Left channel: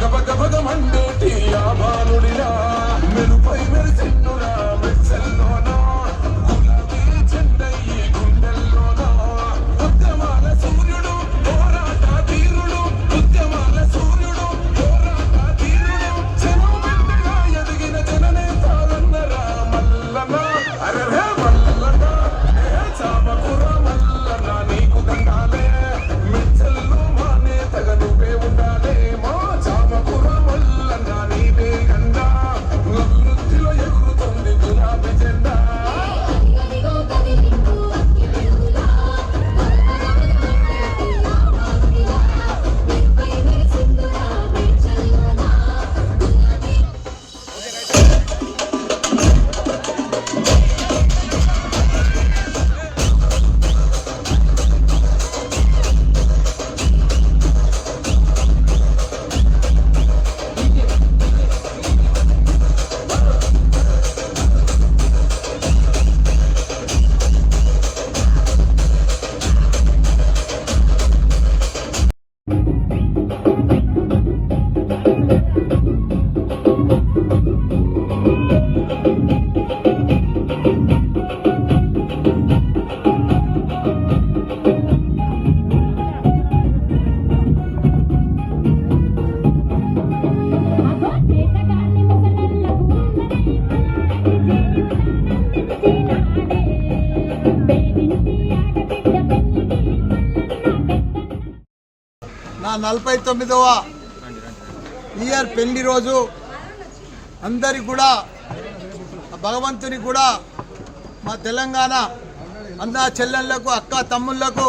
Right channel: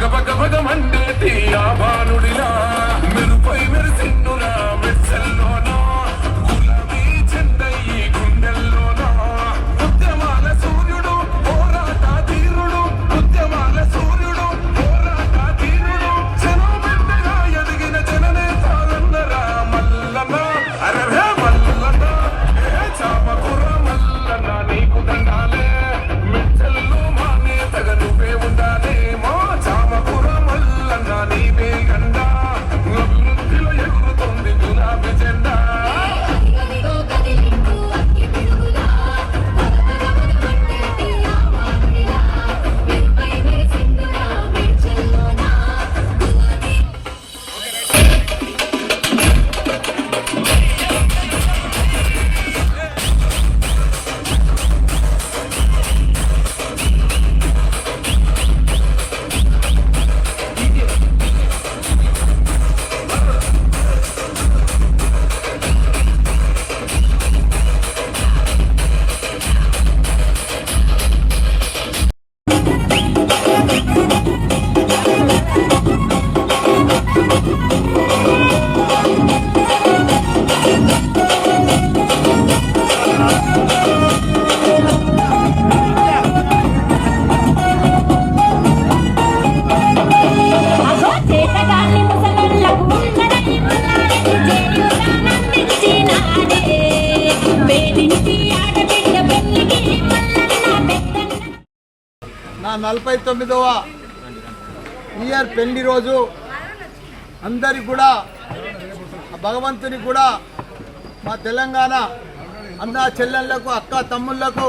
பக பக பகமண்டு నా నలభై తొమ్మిదవ ఇయర్ పెళ్ళి రోజు అందరికి కూడా భగవంతుని కూడా మా తెలంగాణ అన్న చెల్లెళ్ళకు అక్క తమ్ముళ్ళకు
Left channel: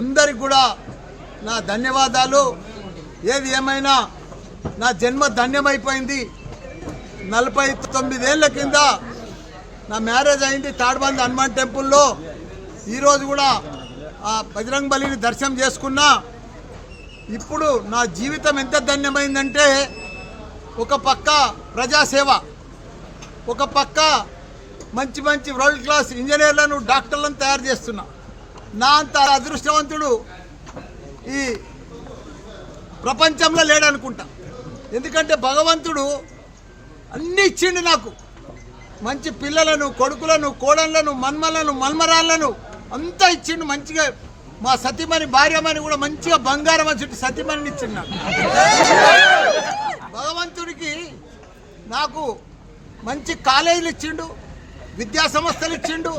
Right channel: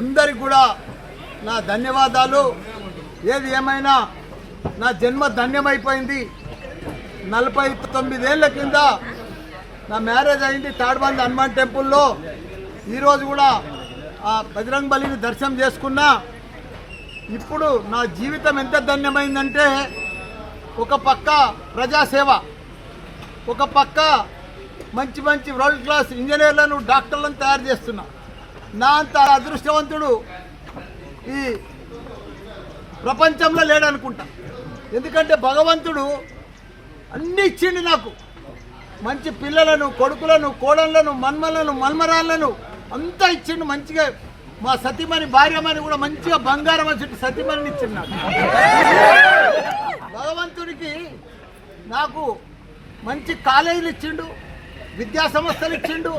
అందరికి కూడా నా ధన్యవాదాలు. ఏది ఏమైనా నా జన్మ ధన్యమైపోయింది. నలభై తొమ్మిదేళ్ళ కింద నా మ్యారేజ్ అయింది తాడ్బంద్ హనుమాన్ టెంపుల్లో. ఈరోజు కూడా ఆ బజరంగ్ బలిని దర్శనం చేసుకున్నా. ఇప్పుడు నా జీవితం ఎంత ధన్యమైందంటే ఒక పక్క ప్రజాసేవ ఒక పక్క మంచి మంచి వరల్డ్ క్లాస్ ఇంజనీర్లను డాక్టర్లను తయారు చేస్తున్నా. నా అంత అదృష్టవంతుడు ఈ ప్రపంచంలో లేడనుకుంటా. ఎందుకంటే భగవంతుడు అన్ని ఇచ్చిండు నాకు. మంచి పిల్లలను కొడుకులను కోడళ్ళను మన్మలను మన్మరాళ్ళను అంతా ఇచ్చిండు మంచిగా మా సతీమణి భార్యమని కూడా మంచిగా బంగారం వచ్చి సతీమణిని ఇచ్చున్నాడు. భగవంతుడికి నాకు మంచి కాలేజీలు ఇచ్చిండు విద్యా సంస్థలు ఇచ్చిండు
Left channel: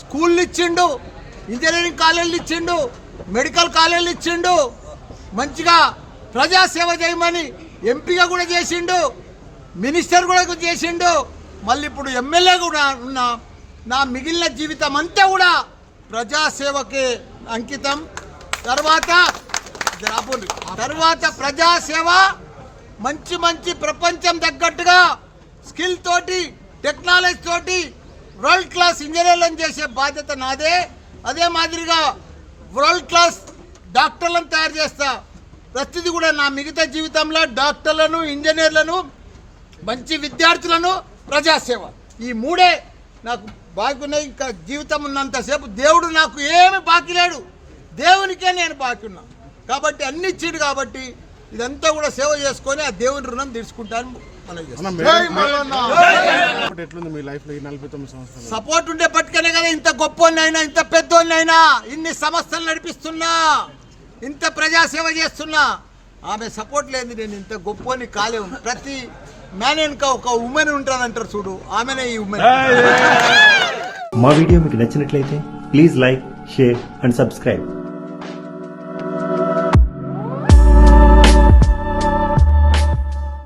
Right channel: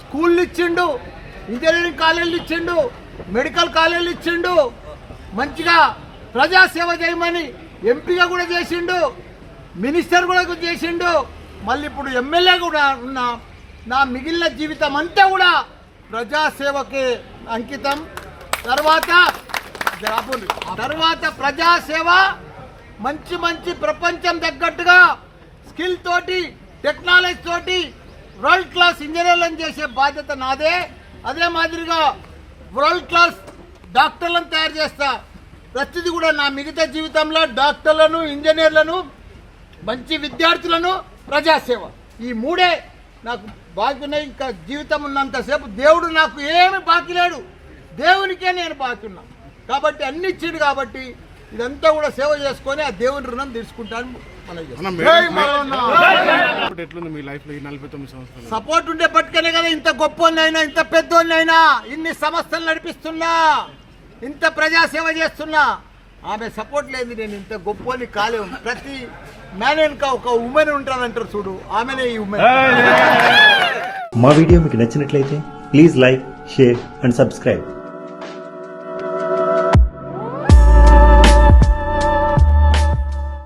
స్కూళ్ళు ఇచ్చిండు ఇంజనీరింగ్ కాలేజీలు ఇచ్చిండు మెడికల్ కాలేజీలు ఇచ్చిండు మంచిగా ప్రజాసేవ చేయమని ఎంపీగా కూడా చేసిండు మినిస్టర్ కూడా చేసిండు మళ్ళీ ఇప్పుడు ఎమ్మెల్యే కూడా ఉన్నా నా మిగిలిన జీవితం అంతా కూడా ప్రజాసేవకే అంకితం. తర్వాత. తర్వాత ప్రజాసేవ మంచి మంచి ప్రపంచం తగ్గట్టుగా స్కిల్ తోటి టెక్నాలజీ తోటి వరల్డ్ క్లాస్ ఇంజనీర్లను చేసే బాధ్యత నాదే. అదే మాదిరిగా వరల్డ్ క్లాస్ డాక్టర్లను తయారు చేస్తా. ప్రతిదీ కూడా నా మిగతా జీవితంలో డాక్టర్లను ఇంజనీర్లను మంచి విద్యార్థులను ప్రజాసేవ. ఈ మూడే నాకు బాకీ ఉన్నాయి ఇంకా జీవితం ఉన్నంతసేపు దేవుడు నాకు ఏమి బాకీ లేడు. దేవునికే నేను బాకీ ఉన్నా. కాబట్టి అన్ని ఇచ్చిండు కాబట్టి ఇదంతా కూడా సేవ చేసుకొని ఆ దేవుని రుణం తీర్చుకుంటాను సంవత్సరాలు? సపోర్ట్ ఉండే పట్టుకనే కదా ఇంత గొప్పోన్నైనా ఇంత పెద్దోన్నైనా ఇన్ని సంస్థలు నడిపిస్తున్నా ఇంత ప్రజాసేవ చేస్తున్నా. ఆమె సపోర్ట్ లేని నేను ఇంత గొప్పోని కాలేవు. ప్రతి మ్యాన్ వెనుక ఒక ఉమెన్ ఉంటుందంటారు చూడు. ఆమెనే ఈ ఉమెన్ మా వీడియో మీకు నచ్చినట్లయితే please like share and subscribe.